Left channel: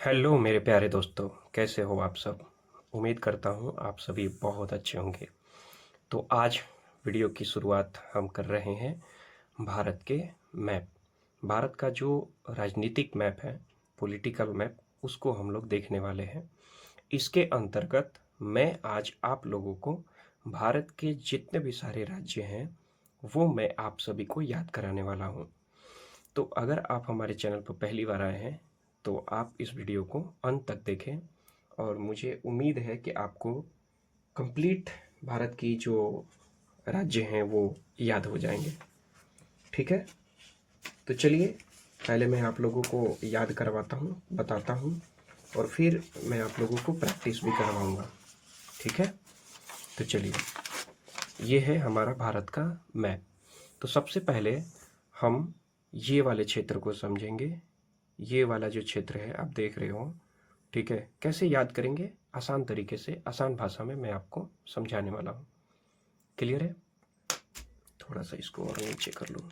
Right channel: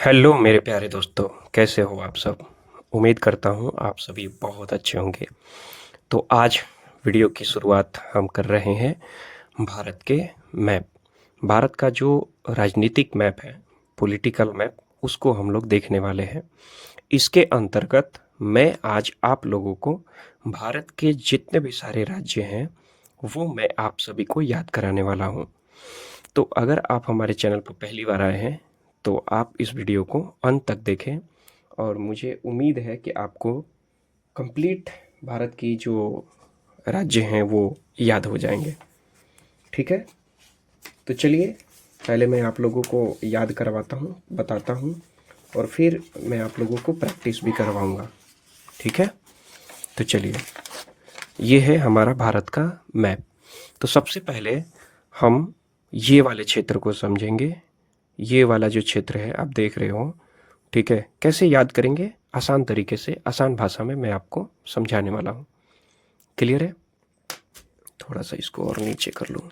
Hello मेरे प्यारे दोस्तों, कैसे हो आप सब। उम्मीद करता हूँ आप सभी बहुत अच्छे होंगे। तो आज वीडियो की शुरुआत हम कर रहे हैं भारत के मैप। भारत का जो राजनीतिक मैप है, पॉलिटिकल मैप, उसको हम लोग देखने वाले हैं। इसके अंतर्गत मैं आज आप लोगों को भारत के जितने भी सारे राज्य हैं वो मैं आप सभी को याद कराने वाला हूँ। तो अगर आप हमारे चैनल पर पहली बार आए हैं तो आप इस वीडियो को अंत तक देखें और मुझे उम्मीद है कि आपको कंप्लीट भारत की जो राज्य हैं वो याद हो जाएंगे। ठीक है, तो चलिए पहले मैं आप लोगों को याद करवाता हूँ, बताता हूँ, और फिर मैं आप लोगों को प्रैक्टिस भी करवाऊँगा। ठीक है, तो चलिए, ये है हमारा भारत का मैप। तो सबसे पहले हम ये वाले क्षेत्र को समझेंगे। ये वाला जो क्षेत्र है आप देख रहे हो, ठीक है। कैसे याद करेंगे? आसान तरीके से, आसान भाषा में मैं आपको समझाने वाला हूँ। क्लियर है? थोड़ा सा इसको और नीचे कर लूँ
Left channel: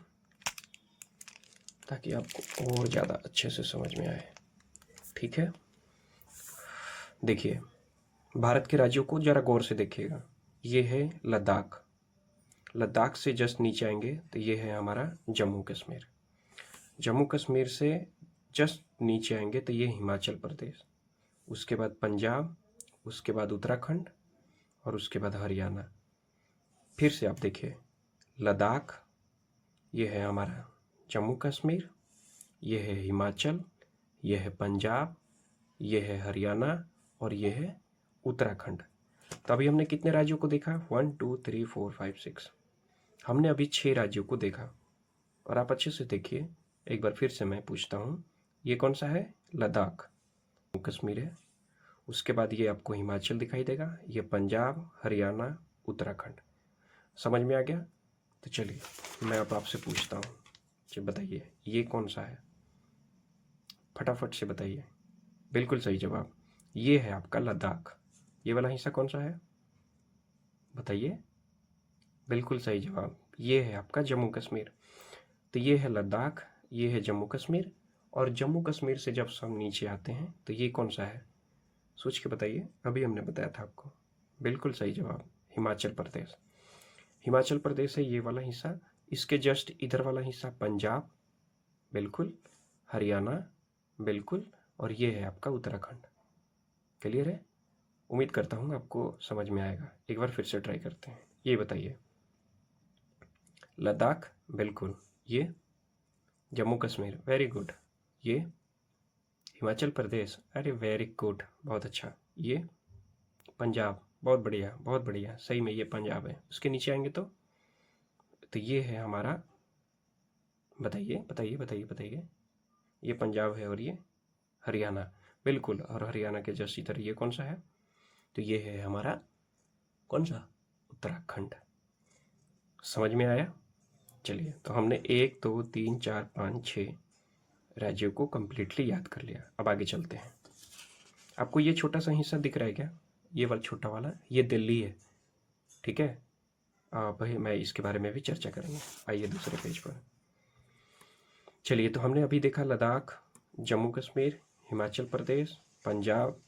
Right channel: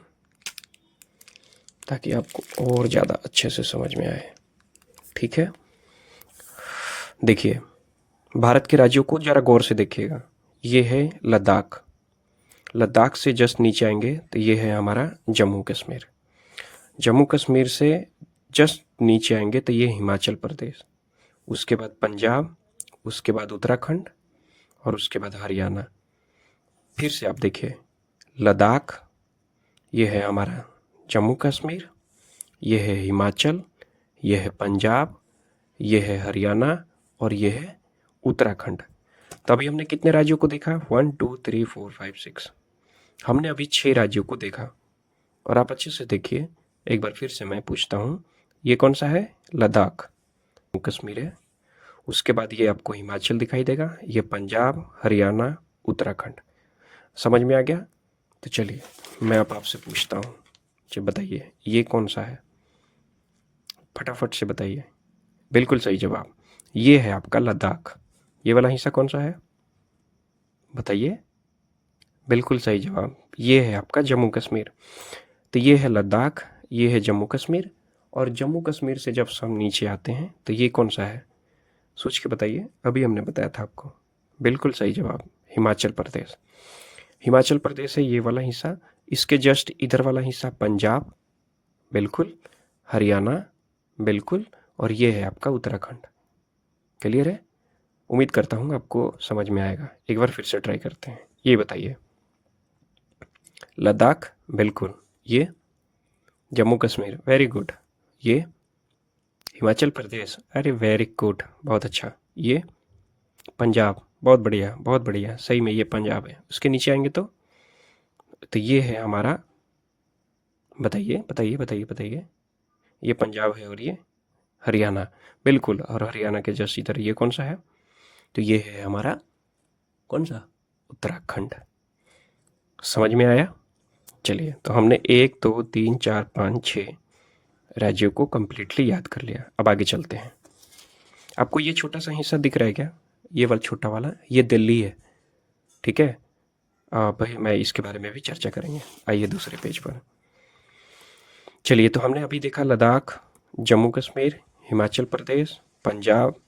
ताकि आपको और ज़्यादा अच्छे से समझ में आए। ठीक है, देखिए, भारत के राज्यों को ज़रा गौर से देखिएगा। ये है लद्दाख। लद्दाख से जस्ट नीचे आएंगे तो ये है हमारा जम्मू कश्मीर। जम्मू कश्मीर से जस्ट नीचे आएंगे तो ये हिमाचल प्रदेश, उसके बाद पंजाब, उसके बाद उत्तराखंड और उसके बाद हरियाणा। फिर से आप देखिए, लद्दाख, ये है हमारा जम्मू कश्मीर, ये है हिमाचल, ये है पंजाब, ये है हरियाणा और ये है उत्तराखंड। तो अभी हमने कितने राज्यों को देखा? 1 2 3 4 5 6। हमने अभी 6 राज्यों को देखा। और आप अच्छे से देखिए, एक बार फिर से मैं पूछता हूँ, ये कौन सा है? लद्दाख, जम्मू कश्मीर है। उसके बाद ये आपको हिमाचल दिखाई देगा, ये पंजाब, हरियाणा, उत्तराखंड। समझ में आ गया? तो चलिए मैं अब आपसे पूछता हूँ, जी बताइए ये कौन सा है? फटाफट से बताइए। बिल्कुल सही जवाब, ये है आपका लद्दाख। ये वाला हिस्सा कौन सा है? बताइए। बिल्कुल सही जवाब, ये है आपका जम्मू कश्मीर। तो ये है लद्दाख, ये है जम्मू कश्मीर। और जम्मू कश्मीर से जब हम नीचे आते हैं तो ये कौन सा है? सोच के बताइए, अभी हमने बताया था आपको। बिल्कुल सही जवाब, हिमाचल प्रदेश। हिमाचल प्रदेश है ये वाला हिस्सा। इसके जस्ट इधर वाला हिस्सा पंजाब, बिल्कुल, हरियाणा, बिल्कुल, और ये है आपका उत्तराखंड। क्लियर है? उम्मीद करता हूँ आपको समझ में आएगा। एक बार फिर से ट्राई करते हैं। ये बताइए, लद्दाख, बिल्कुल, ये जम्मू कश्मीर, वेरी गुड, ये हिमाचल प्रदेश, अरे वेरी गुड, बहुत अच्छा, ये पंजाब, बहुत बढ़िया, बहुत बढ़िया, सही में ये पंजाब है। उसके नीचे आएंगे तो ये है हमारा, बताइए बताइए बताइए बताइए, ये पंजाब है और ये हरियाणा, बिल्कुल। और हरियाणा के जस्ट इधर ये कौन सा है? तो ये है हमारा कौन सा? उत्तराखंड। समझ में आया? चलिए, तो हमने 1 2 3 4 5 6 राज्यों को कंप्लीटली याद कर लिया। अब आगे चलते हैं। आपको ये छोटा सा हिस्सा दिख रहा है क्या? ये वाला छोटा वाला, ये दिल्ली है। ठीक है, भाई मैं इसके बारे में भी चर्चा करेंगे। आइए दूसरे पेज पर। चलिए, तो हमने अभी देखा लद्दाख, जम्मू कश्मीर, हिमाचल प्रदेश, पंजाब,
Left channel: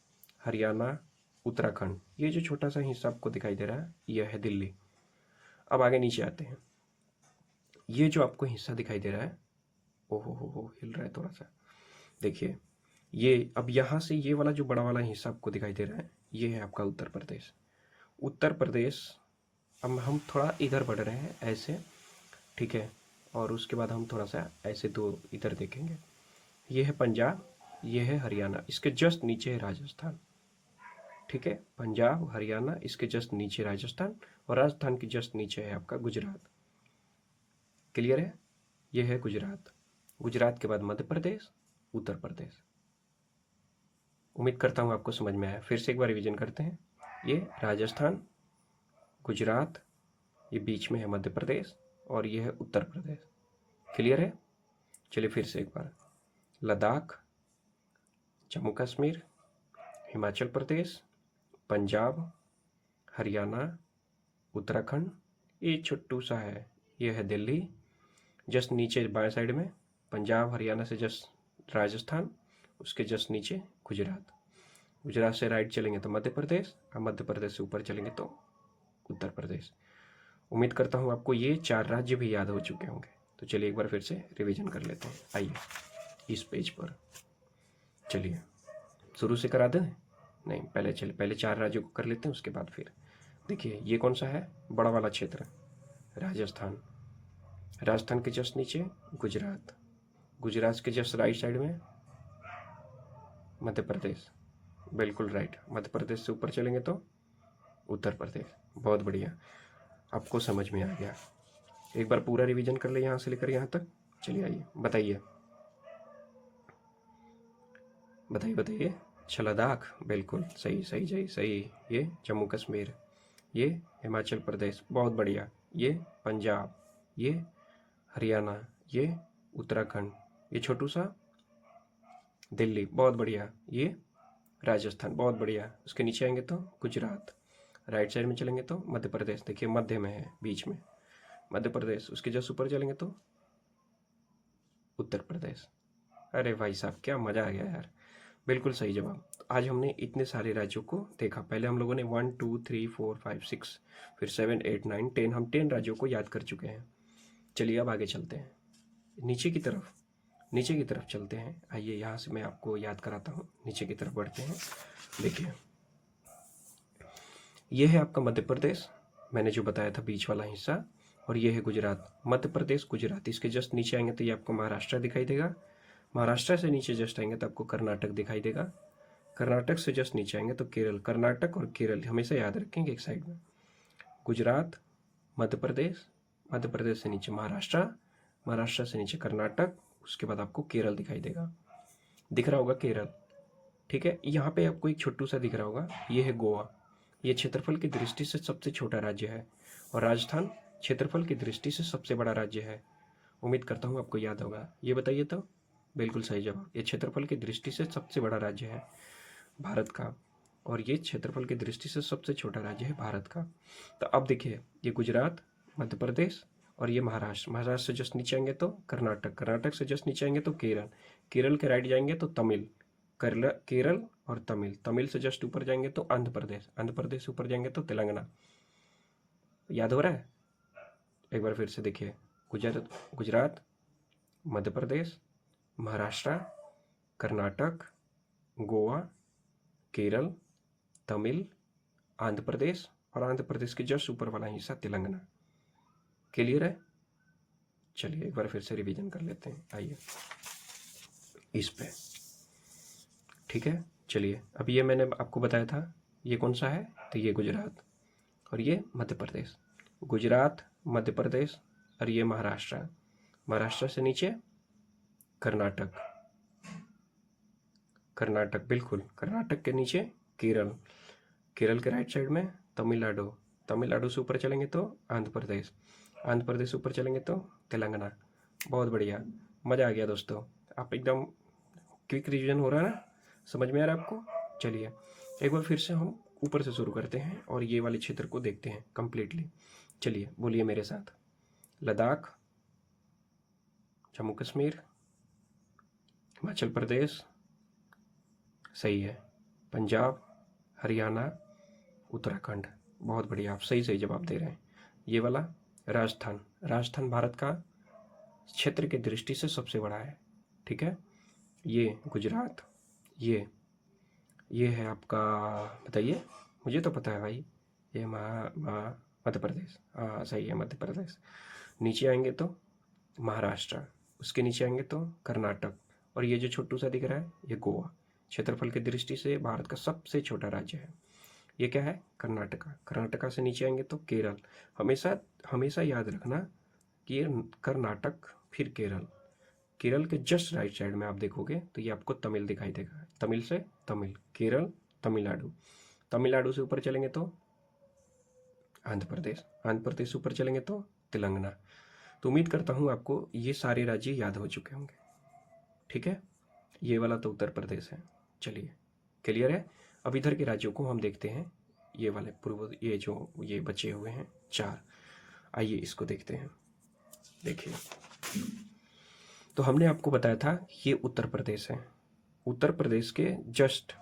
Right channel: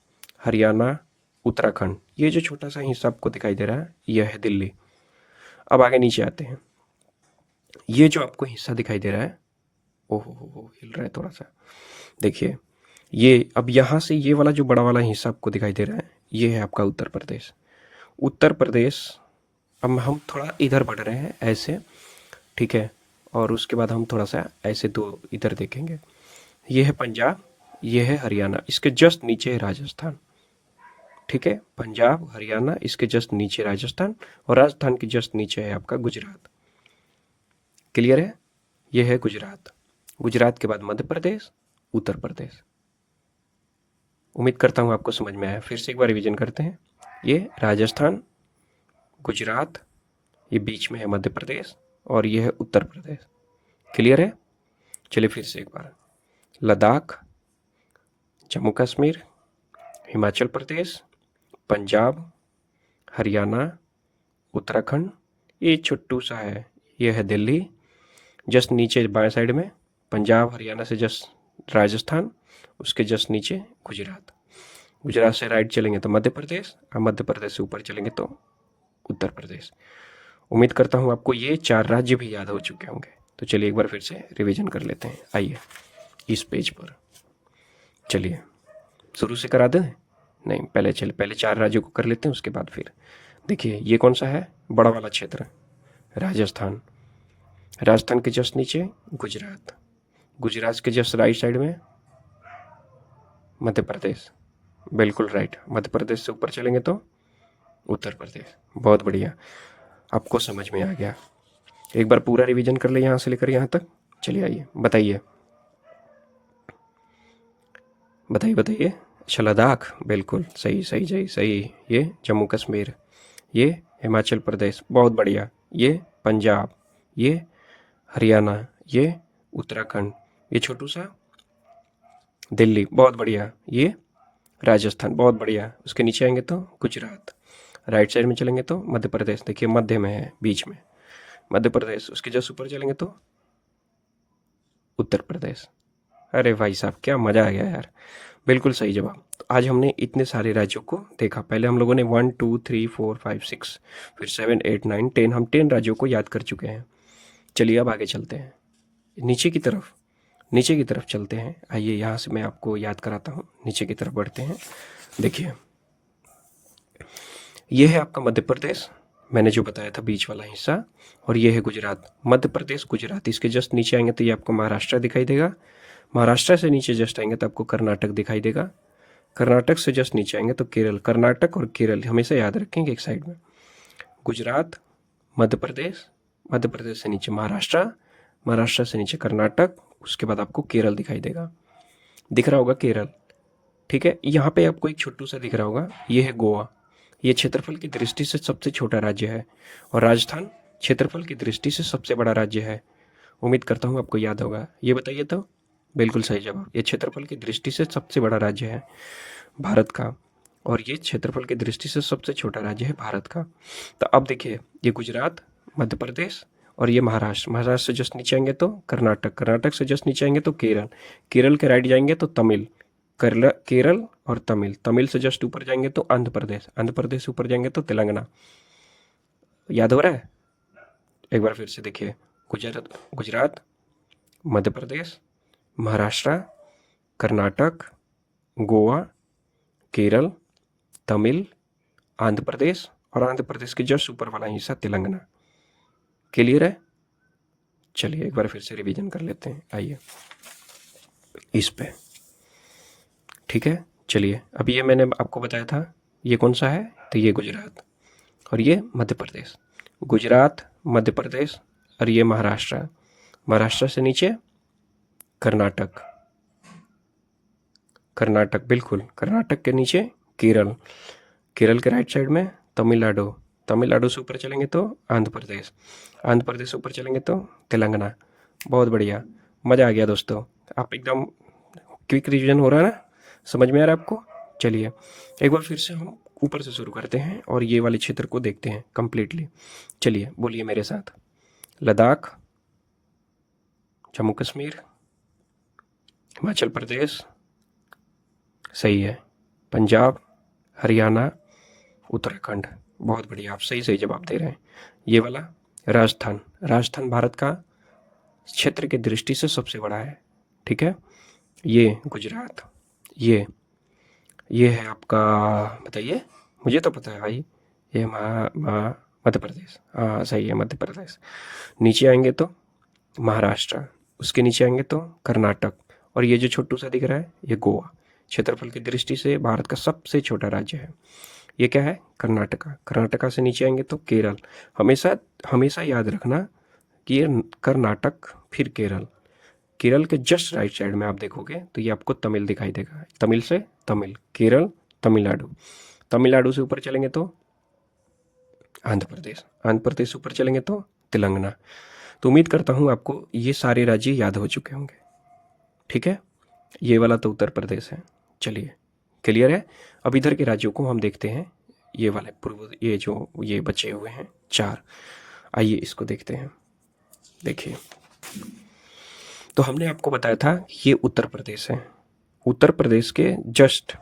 हरियाणा, उत्तराखंड। ये जो छोटा सा हिस्सा आपको दिखाई दे रहा है यह है दिल्ली। अब आगे नीचे आते हैं। ये जो आपको हिस्सा दिखाई दे रहा है, ओहो हो, हिल रहा है थोड़ा सा। देखिए, ये अब यहाँ से ये वाला जो बड़ा वाला हिस्सा आपको दिखाई दे रहा है, ये है आपका उत्तर प्रदेश। उत्तर प्रदेश, अब हम थोड़ा इधर बढ़ रहे हैं ऐसे, ठीक है। और उसके बाद हम थोड़ा सा ऐसे दो इधर देखेंगे। ये है पंजाब, ये है हरियाणा, इसके जस्ट नीचे है राजस्थान। ठीक है, पंजाब, हरियाणा, इसके जस्ट नीचे राजस्थान, और राजस्थान के जस्ट नीचे है आपका गुजरात। क्लियर है? ये है गुजरात। गुजरात के बाद मध्य प्रदेश, उत्तर प्रदेश। उम्मीद करता हूँ आपको समझ में आया। फिर से एक बार रिवीजन करते हैं। ये राजस्थान, गुजरात, ये बीच में है मध्य प्रदेश, और ये है उत्तर प्रदेश। क्लियर है? चलिए फिर से एक बार। लद्दाख, जम्मू कश्मीर, हिमाचल प्रदेश, पंजाब, हरियाणा, उत्तराखंड, ये छोटू सा है, ये है दिल्ली। जस्ट नीचे बाएं साइड में पंजाब हरियाणा से जस्ट राजस्थान, उसके जस्ट नीचे गुजरात। गुजरात से राइट चलेंगे तो मध्य प्रदेश, और मध्य प्रदेश से ऊपर चलेंगे तो उत्तर प्रदेश। उम्मीद करता हूँ आपको ये 4 राज्य भी याद हो चुके होंगे। तो चलिए एक बार फिर से रिवीजन कर लेते हैं। आइए इस पेज पर, चलिए शुरू से करा दें? नहीं, पहले 4 राज्यों को कर लेते हैं, उसके बाद फिर देखिए ये कौन सा है, बड़ा वाला क्षेत्र, राजस्थान। राजस्थान के जस्ट नीचे गुजरात, गुजरात के जस्ट राइट साइड में मध्य प्रदेश, बिल्कुल राइट। मध्य प्रदेश से ऊपर चलेंगे तो उत्तर प्रदेश। बहुत बढ़िया, आपको समझ में आ गया। एक बार पूरा रिवीजन कर ले यहाँ से लेकर यहाँ तक। चलिए आइए बताइए बताइए बताइए। अच्छा, लद्दाख, बिल्कुल सही सही सही सही। ये जम्मू कश्मीर, ये हिमाचल प्रदेश, बहुत बढ़िया। ये पंजाब, ये हरियाणा, ये उत्तराखंड, ये छोटू सा दिल्ली, बहुत बढ़िया। ये राजस्थान, बहुत बढ़िया। उसके नीचे आएंगे तो गुजरात। राइट साइड में चलेंगे तो मध्य प्रदेश, देखिए मध्य में है, बीच में मध्य प्रदेश। उसके जस्ट ऊपर चलेंगे तो उत्तर प्रदेश। अरे भाई साहब, क्या मज़ा आ गया यार, बिल्कुल सही जवाब। तो आज हमने इतने सारे राज्यों को देखा। पहले हम लोगों ने 1 2 3 4 5 6, फिर 7 8 9 10, हम 10 राज्यों को याद कर चुके हैं। चलिए अब आगे चलते हैं, नीचे की तरफ, नीचे की तरफ चलते हैं। आइए यहाँ से मैं आपको याद कराता हूँ। नीचे की तरफ बढ़ते हैं। देखिए ये है आपका मध्य प्रदेश, मैंने जो बताया था बीच वाला हिस्सा, और ये है गुजरात। मध्य प्रदेश, गुजरात, इसके जस्ट नीचे आएंगे तो ये आपको महाराष्ट्र दिखाई देगा। महाराष्ट्र से नीचे जस्ट आएंगे तो आपको कर्नाटक दिखाई देगा। कर्नाटक से जस्ट नीचे आएंगे तो केरल। कर्नाटक और केरल हमेशा याद रखेंगे एक साइड में। गुजरात, मध्य प्रदेश, मध्य प्रदेश से नीचे महाराष्ट्र, महाराष्ट्र से नीचे कर्नाटक, उसके बाद आपको केरल दिखाई देगा। दिख रहा होगा केरल, ठीक है। यहाँ पे आपको एक छोटू सा दिख रहा होगा, ये है गोवा। ये क्षेत्रफल की दृष्टि से सबसे छोटा राज्य है, और राजस्थान क्षेत्रफल की दृष्टि से सबसे बड़ा राज्य है। उम्मीद करता हूँ आपको याद होगा। ये बताइए तो, बिल्कुल सही जवाब। ये क्षेत्रफल की दृष्टि से सबसे बड़ा राज्य है भारत का, और ये क्षेत्रफल की दृष्टि से सबसे छोटा राज्य है भारत का। तो अब देखिए, ये गुजरात, मध्य प्रदेश, और ये महाराष्ट्र। महाराष्ट्र से जस्ट नीचे आएंगे तो कर्नाटक, कर्नाटक से जस्ट नीचे आएंगे तो केरल, केरल के राइट जाएंगे तो तमिल, केरल और तमिल, तमिल से जस्ट ऊपर जाएंगे तो आंध्र प्रदेश, आंध्र प्रदेश से ऊपर जाएंगे तो तेलंगाना। याद हो रहा है? एक बार फिर से देखिए, गुजरात, गुजरात, मध्य प्रदेश, महाराष्ट्र, कर्नाटक, गोवा, केरल, तमिल, आंध्र प्रदेश, और आंध्र प्रदेश के जस्ट ऊपर वाला हिस्सा तेलंगाना। क्लियर है? चलिए एक बार फिर से रिवीजन कर लेते हैं। आइए इस पे, ठीक है। चलिए, अभी ये मैंने आपको बताया था, ये कौन सा है, तो ये गुजरात, और ये मध्य प्रदेश। गुजरात, मध्य प्रदेश, और ये महाराष्ट्र। महाराष्ट्र से नीचे कर्नाटक, कर्नाटक, बिल्कुल। कर्नाटक के नीचे केरल, केरल के राइट साइड में तमिलनाडु, तमिलनाडु से ऊपर चलेंगे तो आंध्र प्रदेश, आंध्र प्रदेश से ऊपर चलेंगे तो तेलंगाना। बहुत बढ़िया, मज़ा आ गया दोस्तों। आप एकदम क्विक रिवीजन हो रहा है ना, समझ में आ रहा है आपको? चलिए एक बार फिर से हम ऊपर से शुरू करते हैं और ये वाले क्षेत्र को देखते हैं कंप्लीटली। चलिए बोलिए मेरे साथ। लद्दाख, जम्मू कश्मीर, हिमाचल प्रदेश, सही है, पंजाब, हरियाणा, उत्तराखंड। बहुत बढ़िया, आप सही सही जवाब दे रहे हैं। ये वाला राजस्थान, राजस्थान भारत का क्षेत्र की दृष्टि से सबसे बड़ा है, ठीक है। ये गुजरात, ये है आपका, बताइए, मुझे तो पता है भाई, ये मध्य प्रदेश, हाँ सही है, मध्य प्रदेश। नीचे आएंगे तो महाराष्ट्र, उसके नीचे आएंगे तो कर्नाटक, और ये जो छोटू सा दिख रहा है ये गोवा। क्षेत्रफल की दृष्टि से भारत का सबसे छोटा राज्य है। ये क्या है? कर्नाटका। कर्नाटका से नीचे आएंगे तो केरल। हमेशा हमेशा याद रखना कि ये कर्नाटक फिर केरल। केरल के जस्ट राइट साइड में आप देखोगे तो ये आपको तमिल दिखाई देगा। तमिल से तमिल, केरल, तमिलनाडु। तमिलनाडु से ऊपर चलेंगे तो आंध्र प्रदेश, आंध्र प्रदेश से ऊपर चलेंगे तो तेलंगाना। तो उम्मीद करता हूँ आपको ये सारे राज्य याद हो चुके होंगे, ठीक है। ये वाला तो उत्तर प्रदेश है। चलिए क्लियर है। अब इधर के राज्यों को हम देखते हैं, ये वाले पूर्व, ये जो ये बचे हुए हैं 4, आइए इसको देखते हैं। देखिए, तो हमने आपको बताया था ये उत्तर प्रदेश है, उत्तर प्रदेश के जस्ट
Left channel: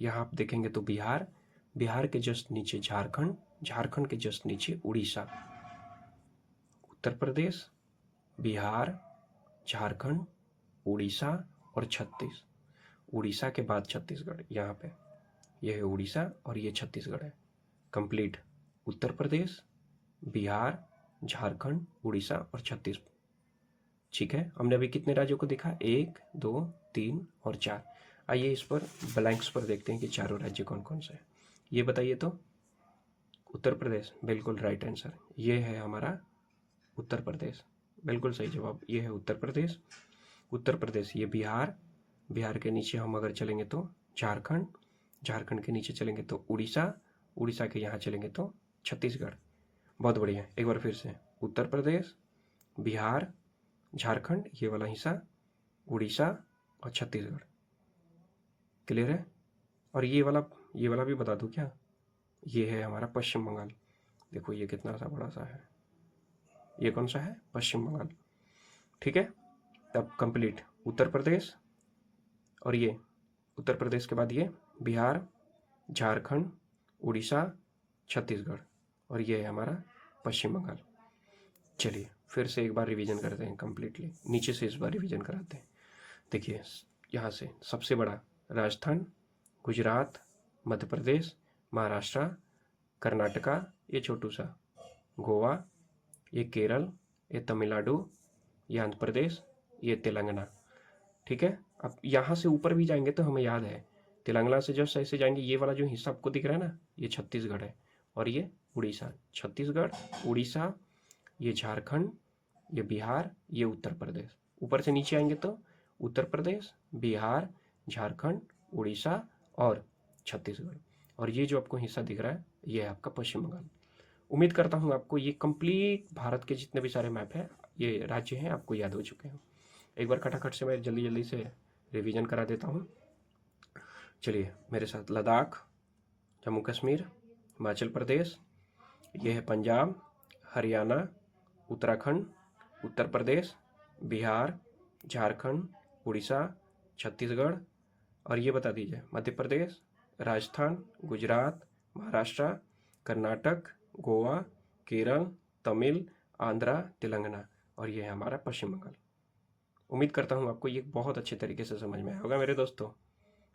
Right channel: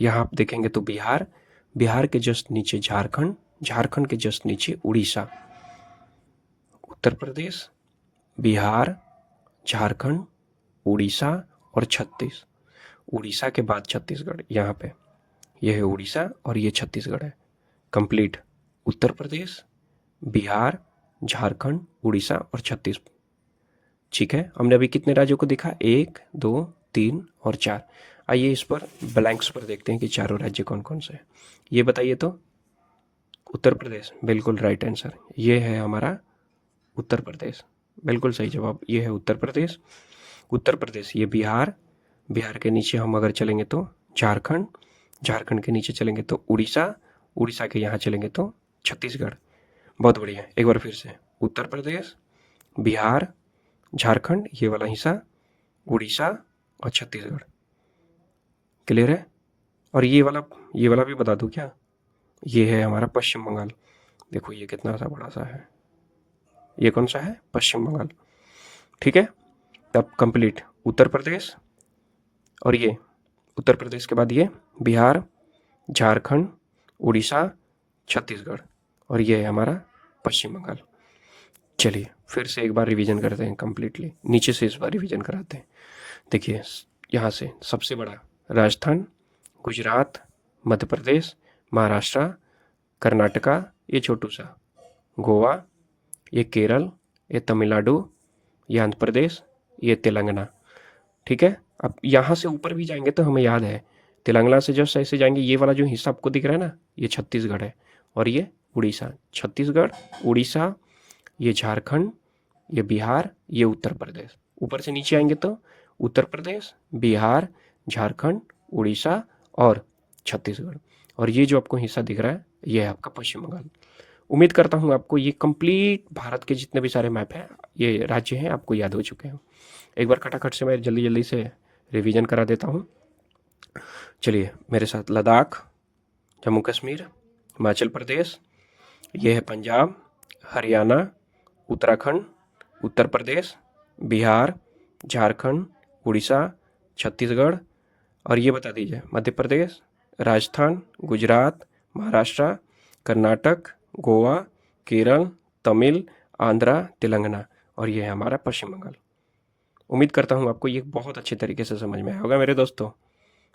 यहाँ आप देखेंगे तो बिहार, बिहार के जस्ट नीचे झारखंड, झारखंड के जस्ट नीचे उड़ीसा। उत्तर प्रदेश, बिहार, झारखंड, उड़ीसा और उड़ीसा के बाद छत्तीसगढ़। यहाँ पे ये है उड़ीसा और ये छत्तीसगढ़ है। कंप्लीट उत्तर प्रदेश, बिहार, झारखंड, उड़ीसा और छत्तीसगढ़। ठीक है, हमने अभी कितने राज्यों को देखा? 1, 2, 3 और 4। आइए इस पर ब्लैंक्स पर देखते हैं कि चारों राज्य कौन कौन से हैं। ये बताइए तो। उत्तर प्रदेश, बिल्कुल राइट आंसर। ये है हमारा उत्तर प्रदेश, बिल्कुल सही जवाब। ये है उत्तर प्रदेश। उत्तर प्रदेश, ये बिहार, बिहार के नीचे हम अगर चलेंगे तो झारखंड, झारखंड के नीचे चलेंगे तो उड़ीसा, उड़ीसा के यहाँ चलेंगे तो छत्तीसगढ़। बहुत बढ़िया। एक बार फिर से, उत्तर प्रदेश, बिहार, झारखंड ये वाला हिस्सा, उड़ीसा और छत्तीसगढ़। क्लियर है? और ये वाला भी बता दूं क्या? ये है हमारा पश्चिम बंगाल। देखो ये कितना सा बड़ा सा है। ये कौन सा है? पश्चिम बंगाल। ठीक है, तब कंप्लीट उत्तर प्रदेश, और ये उत्तर प्रदेश के बाद ये बिहार, झारखंड, उड़ीसा, छत्तीसगढ़, और ये है हमारा पश्चिम बंगाल। चलिए फिर से एक बार रिवीजन करते हैं कंप्लीटली, नीचे से इस बार रिवीजन कराते हैं। देखिए यहाँ से सबसे बड़ा राजस्थान, गुजरात, मध्य प्रदेश, महाराष्ट्र, कर्नाटका, ये छोटू सा, गोवा, ये केरल, ये तमिलनाडु, ये आंध्र प्रदेश, ये तेलंगाना। ठीक है, अब यहाँ से ऊपर भी जाएंगे तो हमें याद है, तेलंगाना से जस्ट ऐसे जाएंगे, ये वाला जो हिस्सा आपको दिख रहा है ना, ये छत्तीसगढ़ है, और ये उड़ीसा। छत्तीसगढ़, उड़ीसा, ये झारखंड, ये बिहार, ये उत्तर प्रदेश। ऊपर से नीचे आएंगे तो उत्तर प्रदेश, बिहार, झारखंड, उड़ीसा और छत्तीसगढ़, और ये जो आपको हिस्सा दिख रहा है ये है आपका पश्चिम बंगाल। उम्मीद करता हूँ आपको ये कंप्लीट भारत के जितने भी सारे मैप हैं, ये राज्य हैं, आपको याद हो चुके हैं। एक बार खटाखट से मैं जल्दी जल्दी से रिवीजन करा देता हूँ। चलिए मेरे साथ, लद्दाख, जम्मू कश्मीर, हिमाचल प्रदेश, ये है पंजाब, हरियाणा, उत्तराखंड, उत्तर प्रदेश, बिहार, झारखंड, उड़ीसा, छत्तीसगढ़, और ये बता दीजिए मध्य प्रदेश, राजस्थान, गुजरात, महाराष्ट्र, कर्नाटक, गोवा, केरल, तमिल, आंध्रा, तेलंगाना, और ये है हमारा पश्चिम बंगाल। उम्मीद करता हूँ आपको ये बहुत अच्छे तरीके से समझ में आया होगा मेरे दोस्तों।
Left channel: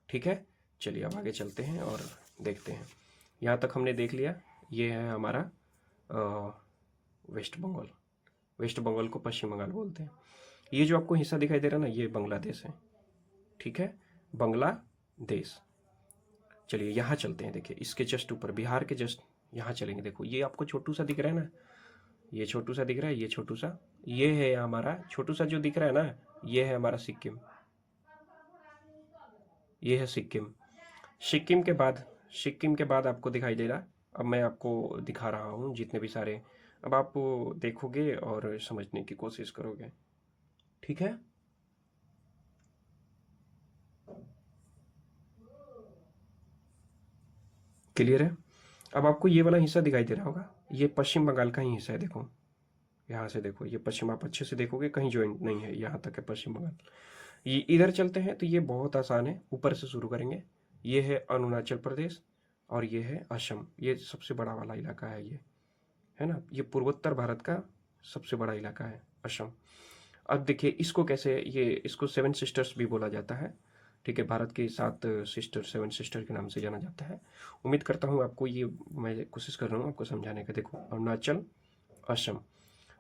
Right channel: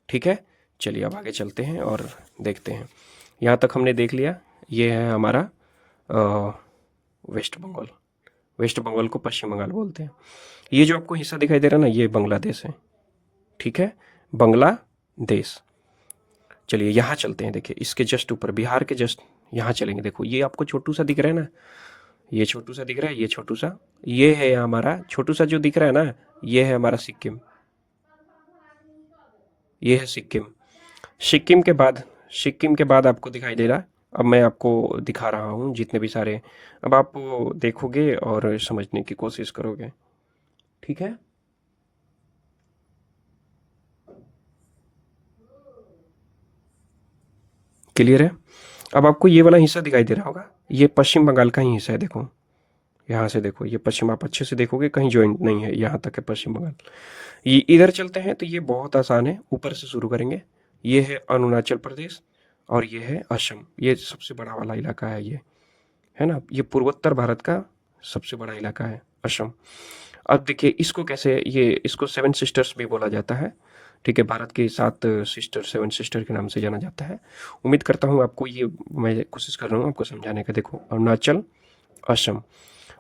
ठीक है, चलिए अब आगे चलते हैं और देखते हैं। यहाँ तक हमने देख लिया, ये है हमारा वेस्ट बंगाल। वेस्ट बंगाल को पश्चिम बंगाल बोलते हैं। ये जो आपको हिस्सा दिखाई दे रहा है ना, ये बांग्लादेश है। ठीक है, बांग्लादेश। चलिए यहाँ चलते हैं। देखिए इसके जस्ट ऊपर, बिहार के जस्ट यहाँ चलेंगे। देखो ये आपको छोटू सा दिख रहा है ना, ये छोटू सा दिख रहा है, ये छोटू सा, ये है हमारा छोटू सा जो दिख रहा है ना, ये है हमारा सिक्किम। ये है सिक्किम। सिक्किम के बाद आपको दिखाई दे रहा है, अब मैं आपको दिखा रहा हूँ जितने भी सारे, अब आप देखोगे और समझने की कोशिश करोगे। ठीक है, क्लियर है? अब आपको ये वाला हिस्सा दिखाई दे रहा होगा, ये पश्चिम बंगाल का ही हिस्सा है। देखो यहाँ से देखो, ये पश्चिम, आप अच्छे से देखोगे कहीं ज्वाइंट नहीं है, यहाँ तक है पश्चिम बंगाल। ये इधर चलते हैं तो ये बहुत आसान है, ऊपर से शुरू करेंगे। ये है अरुणाचल प्रदेश और ये है असम। ये सबसे बड़ा वाला इलाका है, ये है ना, ये पूर्वोत्तर भारत का सबसे बड़ा इलाका है असम। अब देखिए इसको कैसे, ये इसको 7 सिस्टर्स भी बोला जाता है। ठीक है, भारत के 7 सिस्टर, 7 सिस्टर के नाम से जाना जाता है। उम्मीद करता हूँ आपको ये, मैं कोशिश कर रहा हूँ आपको समझाने का। देखो अरुणाचल, असम,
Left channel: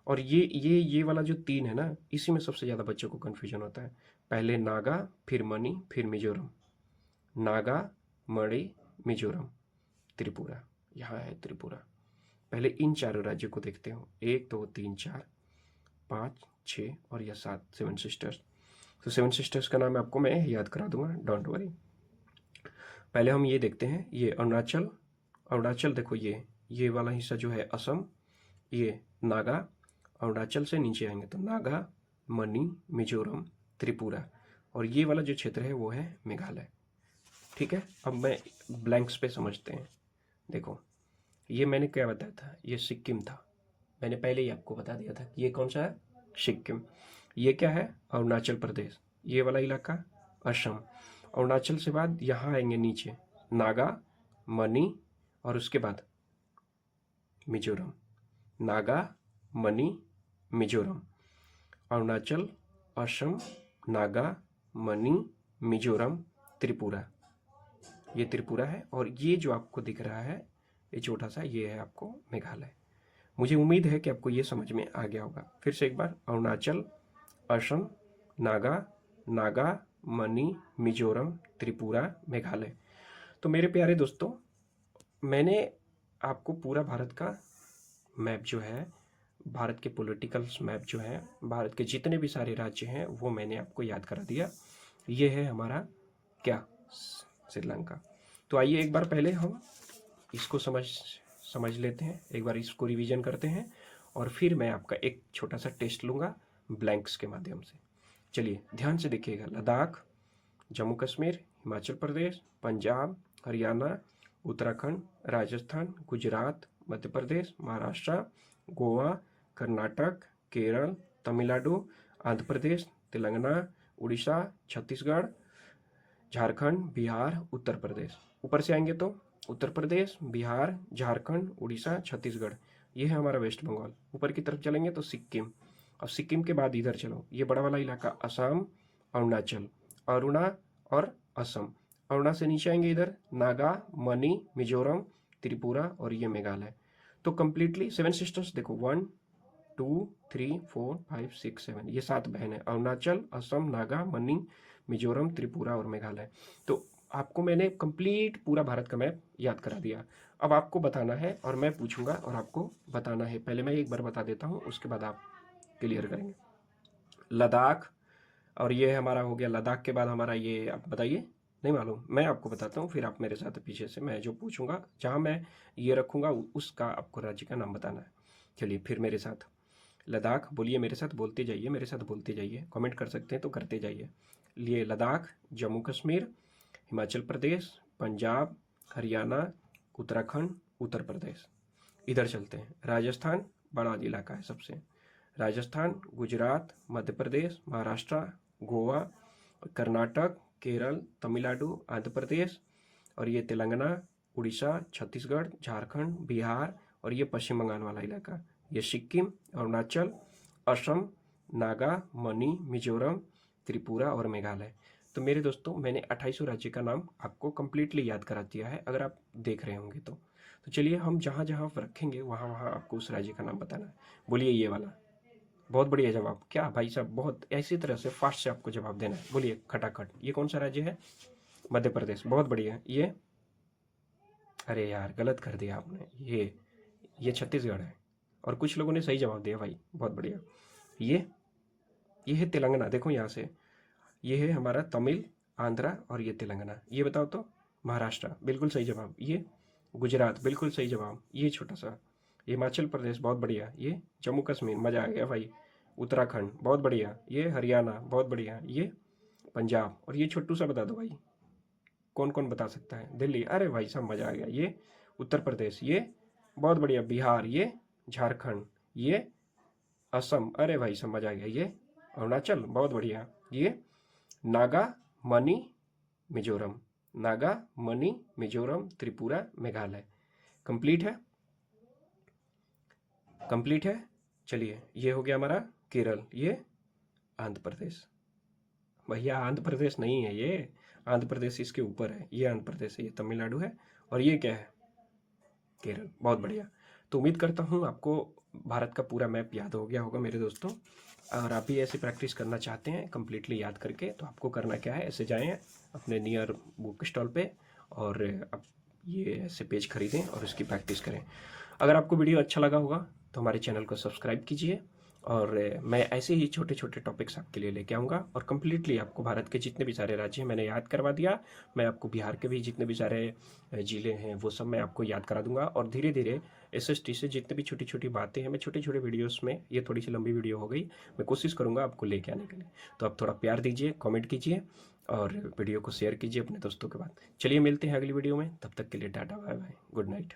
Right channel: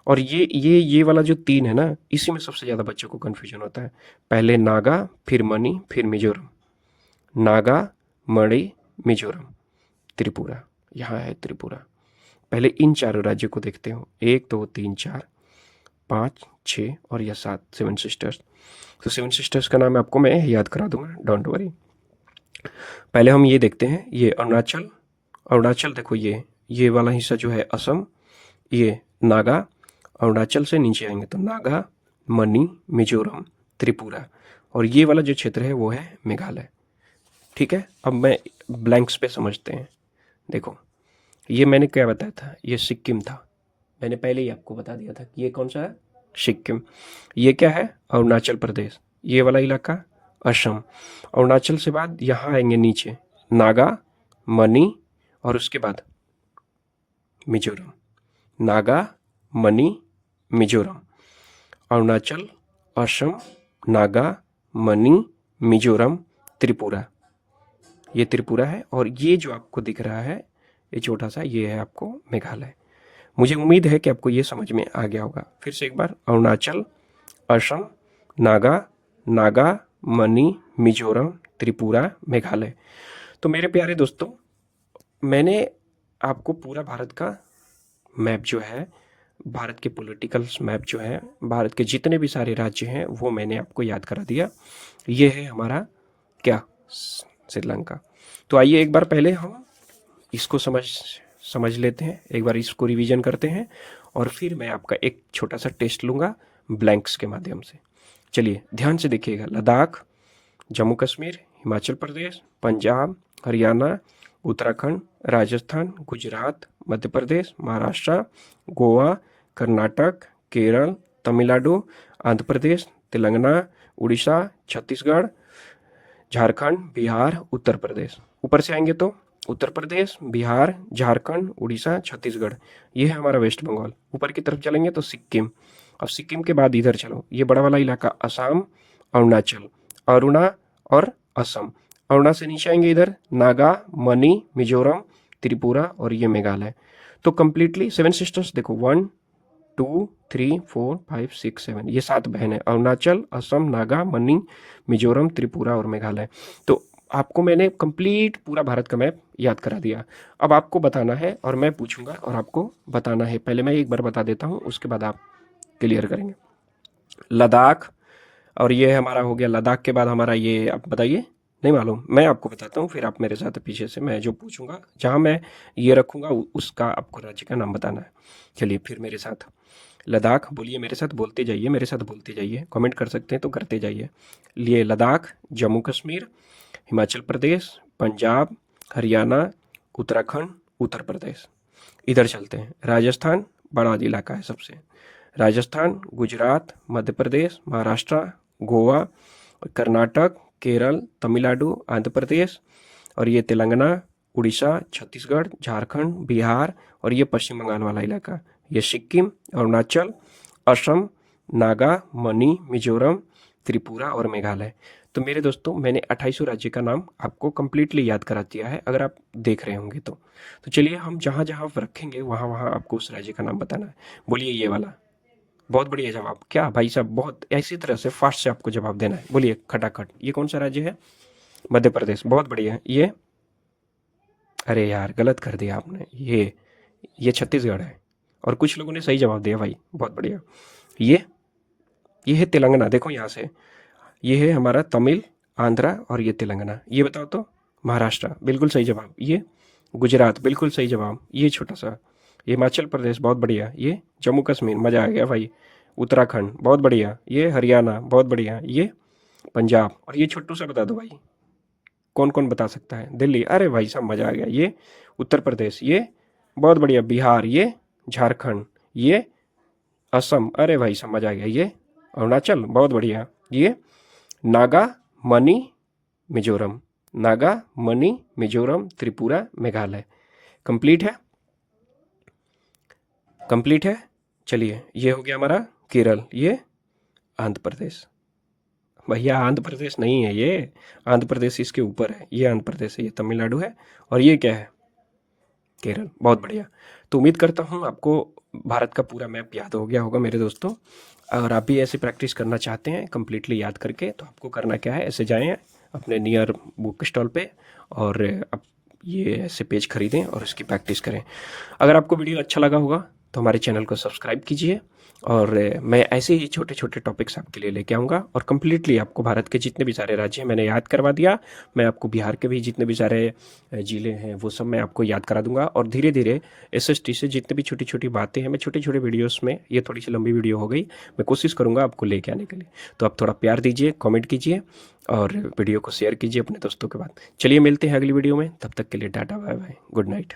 और ये वाला जो 3 है ना, इसी में सबसे ज़्यादा बच्चों को कन्फ्यूजन होता है। पहले नागा, फिर मणि, फिर मिजोरम। नागा, मणि, मिजोरम, त्रिपुरा। यहाँ है त्रिपुरा। पहले इन चारों राज्यों को देखते हो, 1, 2, 3, 4, 5, 6 और यह 7, 7 सिस्टर्स। तो 7 सिस्टर्स का नाम आपको मैं याद करा दूंगा, डोंट वरी। पहले हम ये देखते हैं, ये अरुणाचल, अरुणाचल देखो ये वाला हिस्सा जो है असम, ये नागा, अरुणाचल से नीचे आएंगे तो नागा, मणि, मिजोरम, त्रिपुरा, और ये वाला जो क्षेत्र है वो है मेघालय। ठीक है, अब मैं ब्लैंक्स पे समझते हैं। देखो ये मैंने क्या बताया था, ये सिक्किम था, मैंने पहले ही आपको बता दिया था कि ये कौन सा है, सिक्किम। ये क्या है, अरुणाचल प्रदेश। ये वाला इलाका असम। अरुणाचल से बाद यहाँ आएंगे नीचे नागा, मणि और उसके बाद मिजोरम। नागा, मणि, मिजोरम। अरुणाचल, असम, नागा, मणि, मिजोरम, त्रिपुरा। ये त्रिपुरा है और ये जो आपको दिख रहा है ये छोटा सा, ये है आपको मेघालय। मुझे उम्मीद है कि आपको ये समझ में आ गया होगा। फिर से एक बार, अरुणाचल, असम, नागा, मणि, मिजोरम, त्रिपुरा, मेघालय। तो मेरे प्यारे दोस्तों, मैंने आपको पूरा भारत का मैप जो है, भारत के पॉलिटिकल मैप जो है, भारत के जितने भी सारे राज्य हैं वो मैंने आपको याद करा दिया। ये है हमारा क्या, श्रीलंका। तो आइए एक बार पहले हम इसको समझ लेते हैं, एक बार इसको रिवीजन करते हैं और फिर मैं आपका एक छोटा सा टेस्ट लूँगा ब्लैंक्स के माध्यम से। चलिए ध्यान से देखिएगा। लद्दाख, जम्मू कश्मीर, हिमाचल प्रदेश, पंजाब, हरियाणा, उत्तराखंड, राजस्थान, गुजरात, मध्य प्रदेश, महाराष्ट्र, गोवा, कर्नाटक, केरल, तमिलनाडु, आंध्र प्रदेश, तेलंगाना, उड़ीसा, छत्तीसगढ़, झारखंड, बिहार, उत्तर प्रदेश। ऊपर से आएंगे तो उत्तर प्रदेश, बिहार, झारखंड, उड़ीसा, छत्तीसगढ़, ये है हमारा वेस्ट बंगाल। ऊपर की तरफ चलेंगे तो सिक्किम। अब सिक्किम के बाद इधर चलो, ये बड़ा वाला इलाका असम, अरुणाचल, अरुणा और असम। अरुणा से नीचे आएंगे इधर नागा, मणि, मिजोरम, त्रिपुरा और ये मेघालय। तो कंप्लीटली 7 सिस्टर्स देखो, 1 2 3 4 5 6 7, ये 7 बहन है। अरुणाचल, असम, नागा, मणि, मिजोरम, त्रिपुरा और मेघालय। तो आपको मैंने कंप्लीट पूरा भारत का मैप याद करा दिया। अब आपको बताना है और मैं पूछूंगा और आपको बताना है। पहले मैं एक बार बता देता हूँ, उसके बाद आप क्लियर करेंगे। लद्दाख, और ये हमारा हो गया। लद्दाख के बाद हमारा ये, आप बताइए, नहीं मालूम, मैं आपको बताता हूँ, फिर आप मेरे साथ पीछे से मैं जो पूछूंगा, जहाँ मैं ये रखूँगा उसका आपको राज्य का नाम बताना है। चलिए फिर मेरे साथ लद्दाख बोलिए, मेरे साथ बोलते जाइए, मेरे साथ बोलते जाइए, कमेंट कर सकते हैं तो करते जाइए। लिए लद्दाख, जम्मू कश्मीर, हिमाचल प्रदेश, पंजाब, हरियाणा, उत्तराखंड, उत्तर प्रदेश। इधर चलते हैं, राजस्थान, बड़ा इलाका है सबसे। राजस्थान, गुजरात, मध्य प्रदेश, महाराष्ट्र, गोवा, कर्नाटक, केरल, तमिलनाडु, आंध्र प्रदेश और ये तेलंगाना, उड़ीसा, छत्तीसगढ़, झारखंड, बिहार और ये पश्चिम बंगाल वाला इलाका, ये सिक्किम, अरुणाचल, असम, नागा, मणि, मिजोरम, त्रिपुरा और मेघालय। तो मेरे दोस्तों, मैंने 28 राज्य का नाम आपको कंप्लीटली याद करा दिया है, अगर आप देख रहे होंगे तो चलिए हम जहाँ जहाँ रखेंगे वहाँ वहाँ आपको उस राज्य का नाम बताना है। बोलिए ये वाला। बहुत बढ़िया जवाब। क्या भाई साहब, बहुत ऐसी तरह से फास्ट से आपको जवाब देना है। बोलिए खटाखट। ये कौन सा राज्य है? मध्य प्रदेश। बहुत बढ़िया है। ये, अरे यार गलत कर दिया आपने, ये छत्तीसगढ़ है। और कुछ लोगों ने सही जवाब दिया भाई, बहुत बढ़िया। ये है तेलंगाना, देखो यहाँ से, ये है हमारा तमिल, आंध्रा और ये तेलंगाना। ये बताओ तो, महाराष्ट्र, बिल्कुल सही जवाब। ये गुजरात, बिल्कुल सही जवाब। ये छोटा सा, ये हिमाचल प्रदेश, बहुत बढ़िया। ये जम्मू कश्मीर, मज़ा आ गया भाई। उत्तराखंड, बहुत बढ़िया। ये हरियाणा, बहुत बढ़िया। ये पंजाब, और ये छोटू सा बता दो भाई, कौन कौन बता सकता है? दिल्ली, अरे भाई साहब मज़ा आ गया। ये उत्तर प्रदेश, ये बहुत बढ़िया। बिहार, ये झारखंड, ये असम, अरे भाई साहब मज़ा आ गया। ये अरुणाचल, बहुत बढ़िया। ये नागा, मणि, मिजोरम, नागा, मणि, मिजोरम, त्रिपुरा, मेघालय। कंप्लीट है, कंप्लीट है। चलिए ये हो गया हमारा केरल, ये आंध्र प्रदेश। भैया आंध्र प्रदेश नहीं है ये, आंध्र प्रदेश इसके ऊपर है। ये आंध्र प्रदेश है, ये तमिलनाडु है और ये क्या है? केरल। बहुत बढ़िया। तो उम्मीद करता हूँ आपको भारत का पूरा मैप याद हो गया होगा मेरे दोस्तों। अगर आप भी ऐसे प्रैक्टिस करना चाहते हैं कंप्लीटली याद करके, तो आपको करना क्या है, ऐसे जाएं अपने नियर बुक स्टॉल पे और आप ये ऐसे पेज खरीदें और इसकी प्रैक्टिस करें। अगर आपको वीडियो अच्छा लगा होगा तो हमारे चैनल को सब्सक्राइब कीजिए और मैं ऐसे ही छोटे छोटे टॉपिक्स आपके लिए लेके आऊँगा और कम्प्लीटली आपको भारत के जितने भी सारे राज्य हैं मैंने याद करवा दिया। मैं आपको बिहार के भी जितने भी सारे ज़िले हैं वो सब मैं आपको याद करा दूंगा और धीरे धीरे एसएसटी से जितने भी छोटी छोटी बातें हैं मैं छोटे छोटे वीडियोस में, ये थोड़ी सी लंबी वीडियो हो गई, मैं कोशिश करूँगा आपको लेके आने के लिए। तो आप थोड़ा प्यार दीजिए, कॉमेंट कीजिए और वीडियो को शेयर कीजिए अपने दोस्तों के बाद। चलिए मिलते हैं अगली वीडियो में, तब तक के लिए tata bye bye, good night.